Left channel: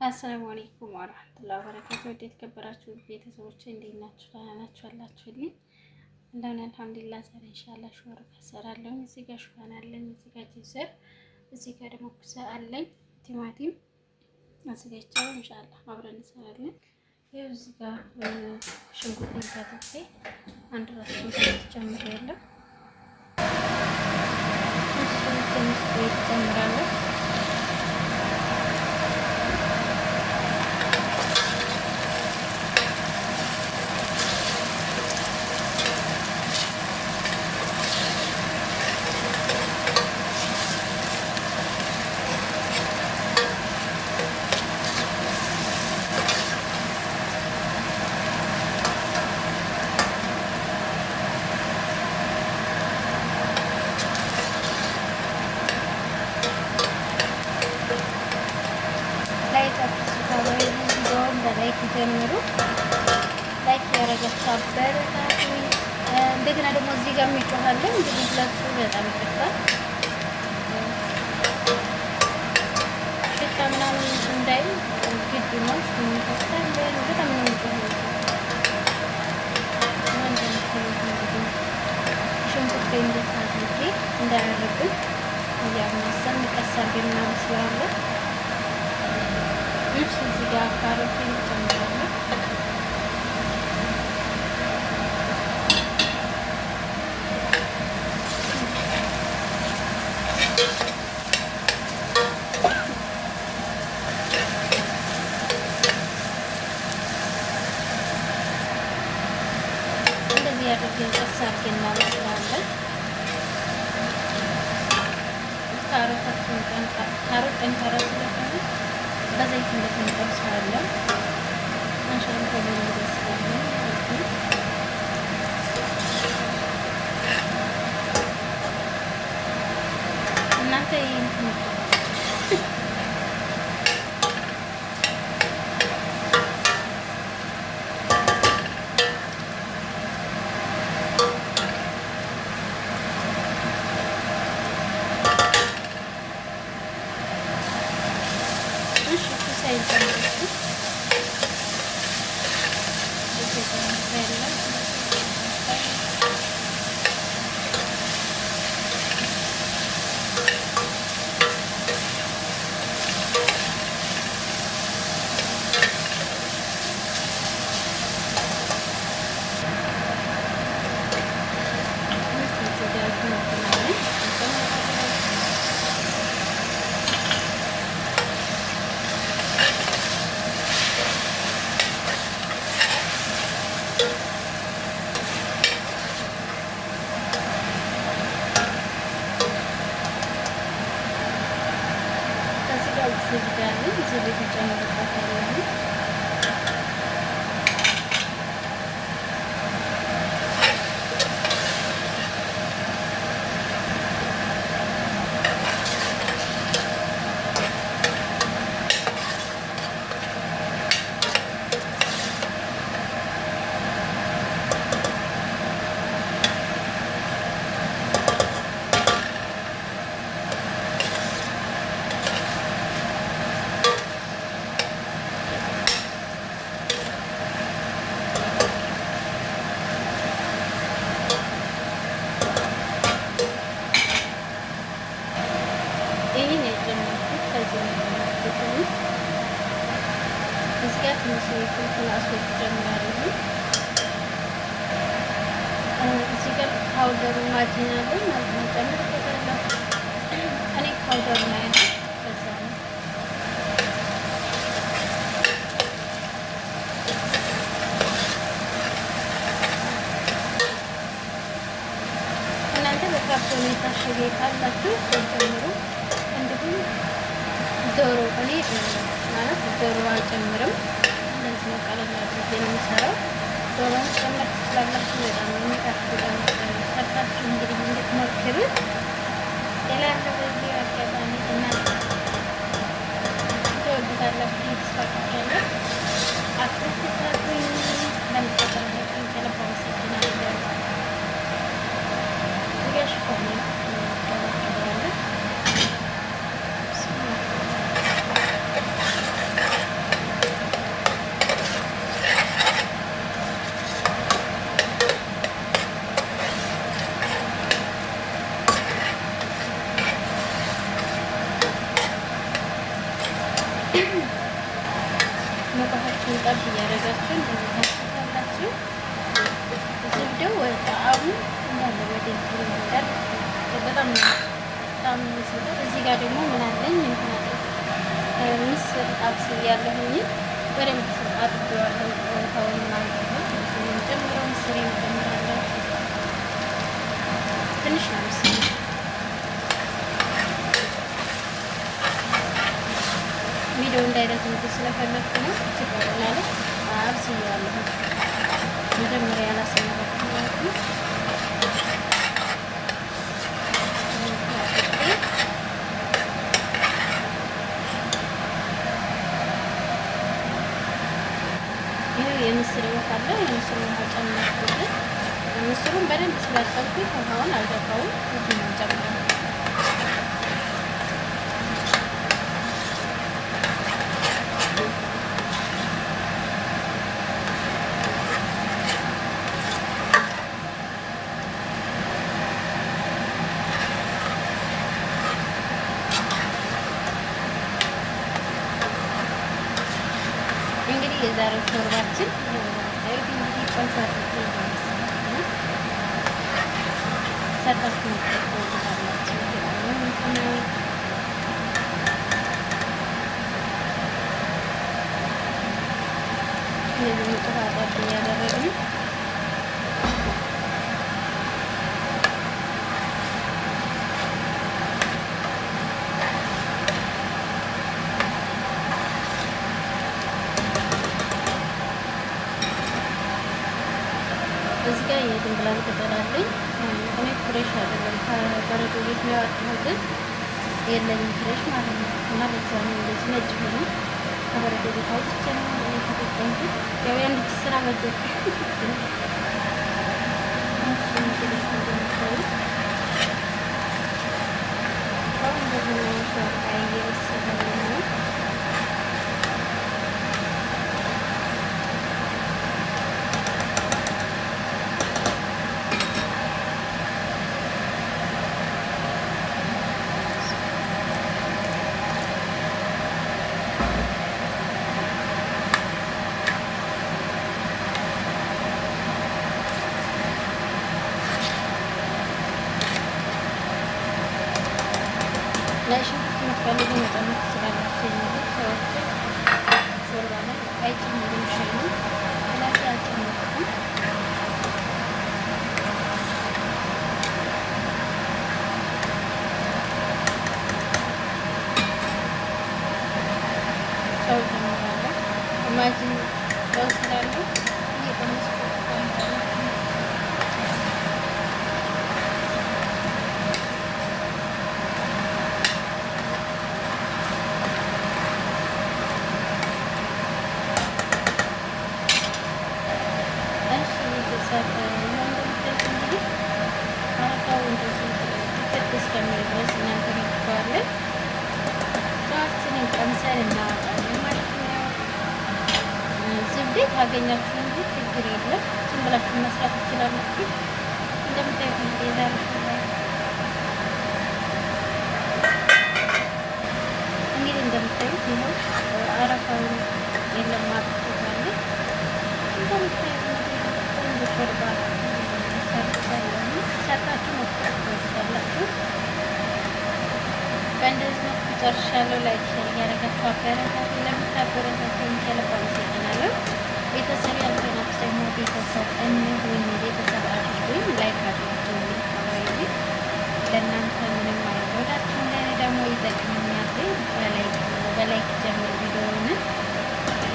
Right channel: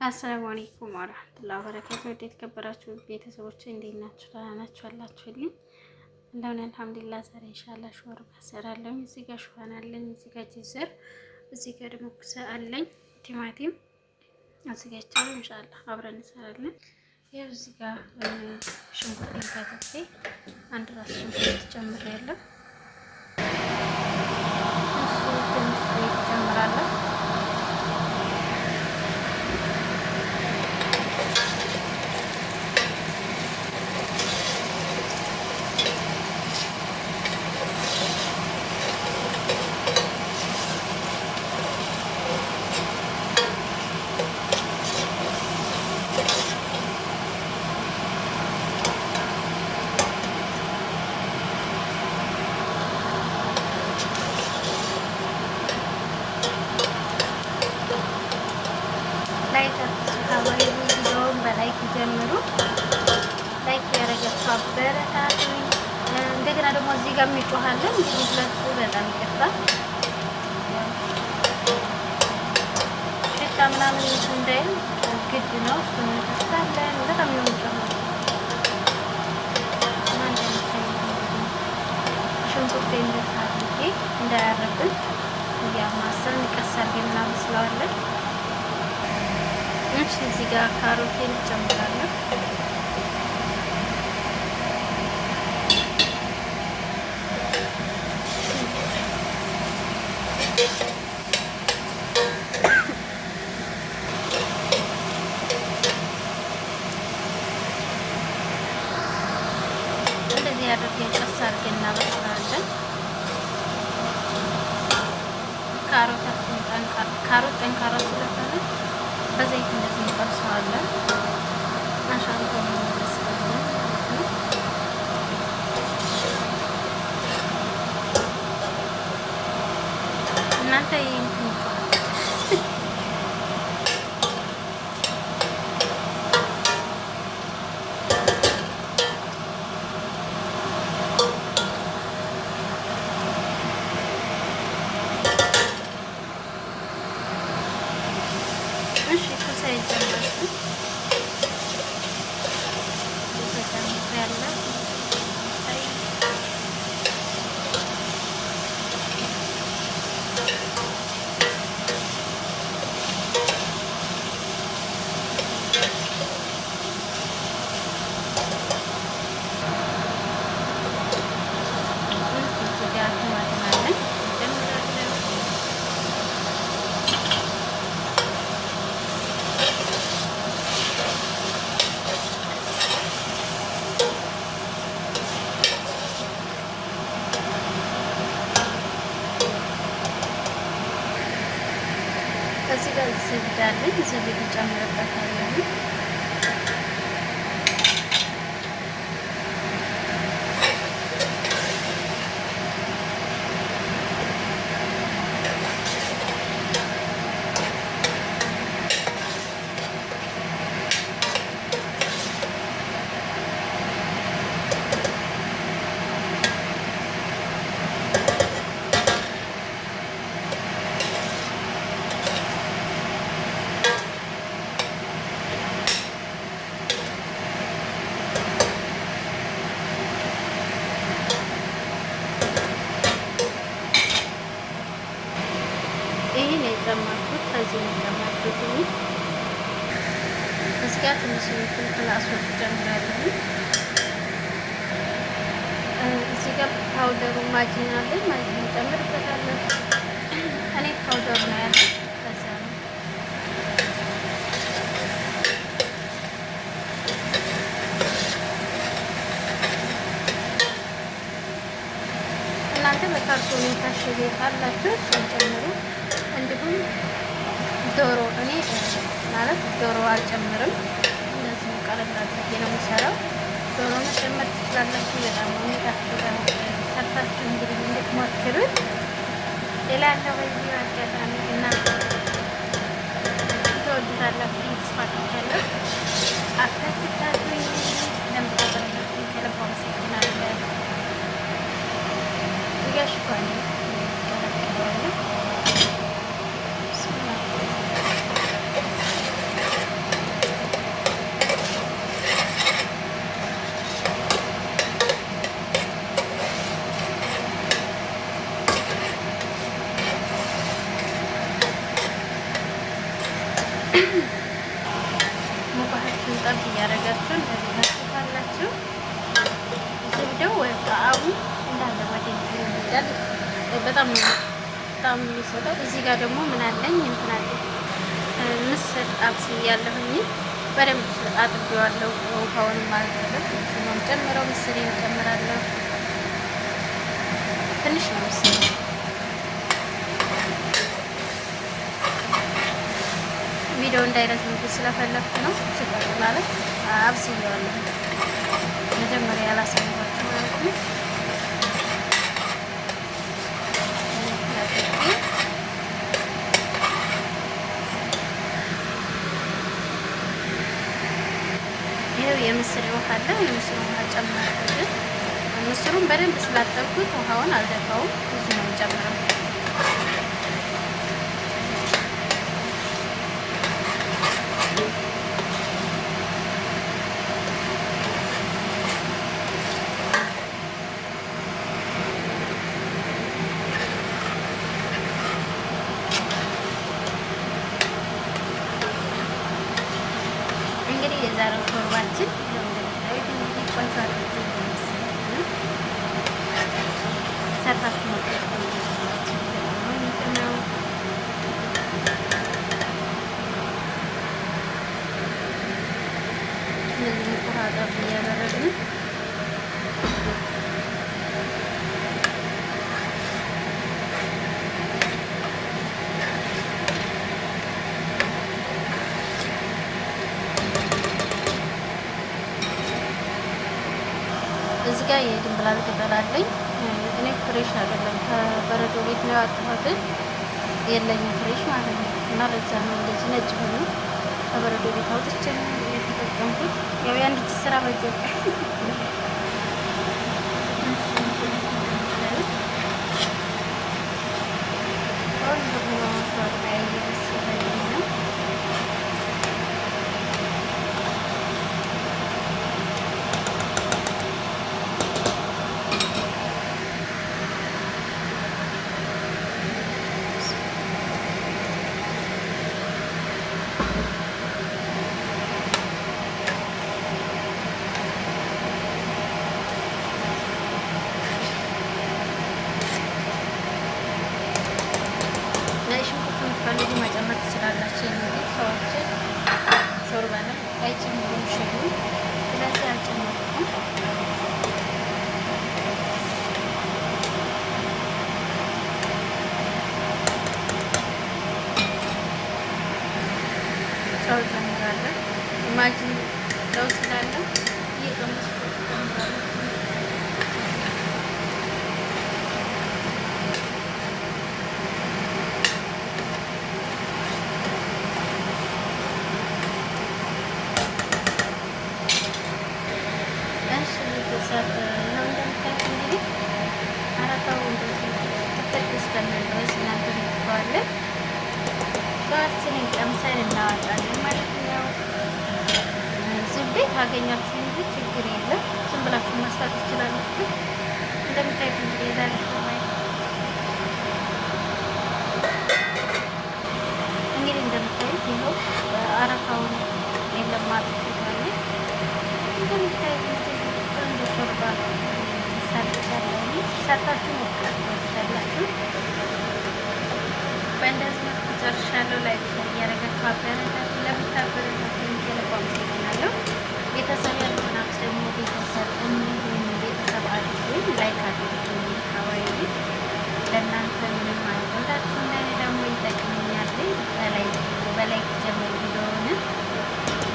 አሰላሙ አለይኩም ወራህመቱላሂ ወበረካቱ። የተከበራችሁ ቤተሰቦች እንዴት ናችሁ? ደህና ናችሁ? አላችሁልኝ? እንደምን አልሐምዱሊላህ። ዛሬ ኢንሻአላህ ሾርባ እሰራለሁ። እዚህ ጋር ሹፋን አለኝ፣ እዚህ ጋር ጅዘር፣ እዚህ ጋር ደግሞ ኩሳ አለኝ፣ ቲማቲም አዘጋጅቻለሁ። ኢንሻአላህ አብረን እንሰራለን። ያው እዚህ ጋር ሽንኩርት ካተቴ አንድ ራስ ሽንኩርት ጨምሬያለሁ። እሱ ትንሽ ጨምራለሁ። ላይክ አባይ ቪዲዮውን በላይክ ጀምሩ። ላይክ ያረጋችሁ አበረታቱ። እንደገና ደግሞ እዚህ ጋር የሚጮሃለን እንግዲህ ለሱ በጣም ይከፋል። ሽታ ምናምን እንዳይል ግድ ነው። እሱን እንከፍታለን። በጣም ነው የሚጮኸው። ሽንኩርት እንደታርጌ እንዳያረብን እያማሰልን ቀስ አድርገን እናበስለዋለን። እሺ እዚህ ጋር ካሮቴን እንጨምራለን። እንደዚህ አድርገን ቀስ አድርገን እናበስለዋለን። ካሮታችን ጠንካራ ስለሆነ በዘይት እንደዚህ እንጠብሰዋለን። ማሻአላ በሚመስለን ማለት ነው። እናንተ ይሄን እዚህ ጋር ዝብዳለኝ ዝብድ እንጨምርበታለን። ይሄን የጨመርኩት ከዚህ ነው የጨመርኩት። እዚህ ጋር ትንሽ ፍልፍል አስወጥ ጨምራለሁ። እዚህ ጋር ፓውደሩ ማጂን አለኝ። ማጂን ጨምርበታለሁ። እኔ ፓውደሩ ነው ያለው። ከዛ ነው እናንተ በካርቶን የታሸገ ካላችሁ ጨምሩ። እንዲሁም ዶሮ እኔ ማለት ዶሮ አልጨምርም። እንደዚህ ቀለል አድርጌ ነው የምሰራው። ዶሮ መጨመር ትችላላችሁ። በጣም ነው የሚጣፍጠው። ሰርታችሁ እንግዲህ እንድትሞክሩት እላለሁ። በዚህ አጋጣሚ እና ትወዱታላችሁ ተስፋ አደርጋለሁ። አትከታተሉ። ለምታደርጉት ከልብ አመሰግናለሁ። እዚህ ጋር ሽፋን ቀላቅለዋለሁ። ሙቀታችሁን ጠብ እያደረጋችሁ እንደዚህ ታስታላችሁ። ዝብደው ወይ ጣዕሙ እንዳለ ወደ እንትን ይላል። በጣም የሚሰጠው። እዚህ ጋር ደግሞ ምን አለኝ እንትን አለኝ ምስር አብስያለሁኝ። በደንብ አጥቤዋለሁ። ውሃውንም አልገለም ነው ጨምረው ምስሬን ጨምራለሁ። ትንሽ ነው ምስር ቪዲዮ እንዳይረዝም ስለፈለግኩ ነው። ስጠሩ ማለት አብስያለሁ። መጀመሪያ ያላሰማኋችሁ ማለት ነው። ይኸው የምስር ውሃ አለ። የምስሩ ውሃ ጨመርኩት። ምስሩን በደንብ ስላጠብኩት ውሃውን አልደፋውም። ብዙ ነው ጨምረው እንግዲህ የዛሬው ሾርባችን እንደምታዩት እንግዲህ ቆንጆ አድርጌ ነው ሰርታችሁ ነው ታላችሁ ነው የሚቀመው። እንደዚህ ጥሩ አጣጥ እያደረግን እዚህ ጋር የድንብላል ቅጠል አለኝ። እኔ ፍሬሽ አይደለም ከበረዶ ቤት ነው ያወጣሁት። የለኝም ፍሬሽ ማለት ነው። እና ለዛ ነው እንደዚህ ነጭ ሆኖ ከበረዶ ቤት አውጥቼ ነው የተጠቀምኩት። ያው የአንድ እጅ ስራ በጀት ላይ ሽንኩርት የምትፈልጉ መጨመር ትችላላችሁ። የሚሉት ሰዎች ሾርባ ላይ አይጨምሩም ሸዩ። ስለዚህ አልጨመርኩም። ጨው ጨምራለሁ። ማጅን ጨው ስላለው እየቀመስኩ ጨምራለሁ። ይኸው እንደምታዩት እንግዲህ አረፋው እንደዚህ ክፍት እስከሚል ድረስ እናንተ ይባላል። ሸዋችንን ቀምሰን እናወጣለን ማለት ነው። ዝብዴ ካገኛችሁ እንጂ ችግር የለም። ዝም ብላችሁ መስራት ትችላላችሁ። እንደምታዩት እንግዲህ የዛሬ ሾርባ እንግዲህ እንደምታዩት ይኸው አረፋውን የለም ማጥፋት እንደምታዩት ሾርባ ሰርቻለሁ። ሰርታችሁ መጥራት ትችላላችሁ። በእንደዚህ መልኩ ጨርሻለሁ። ላይክ እያደረጋችሁ አበረታቱ። ለምታበረታቱኝ ከልብ አመሰግናለሁ። ቤተሰብ ያልሆናችሁ ደግሞ ቤተሰብ እንሁን፣ ቤተሰብ አድርጉኝ፣ ላይክ አድርጉኝ። አባይ ለእናንተ ምንም አይወዳችሁ እንደኔ ደግሞ ይጠቅሙኛል። በላይክ ጀምሩ ቪዲዮውን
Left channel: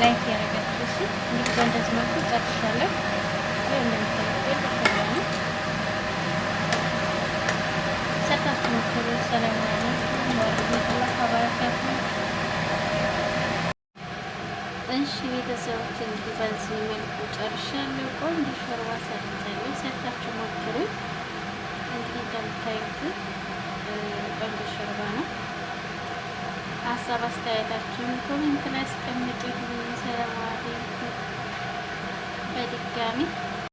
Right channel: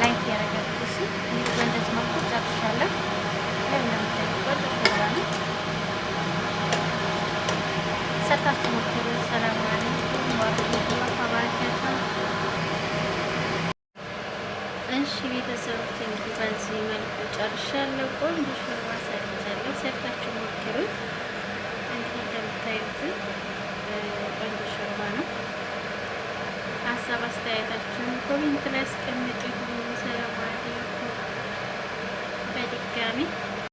ላይክ ያደረጋችሁ ሲ እንግዲህ በእንደዚህ መልኩ ጨርሻለሁ። እንደምታውቁት ሾርባ ነው። ሰርታችሁ ሞክሩ። ሰላም አለይኩም ወራህመቱላሂ ወበረካቱህ። እሺ ቤተሰቦች እንግዲህ በዚህ መልኩ ጨርሻለሁ። ቆንጆ ሾርባ ሰርቻለሁ። ሰርታችሁ ሞክሩ። እንግዲህ እንደምታዩት ቆንጆ ሾርባ ነው። ሀሳብ አስተያየታችሁን ኮሜንት ላይ አስቀምጡ። ሰላም አለይኩም በድጋሚ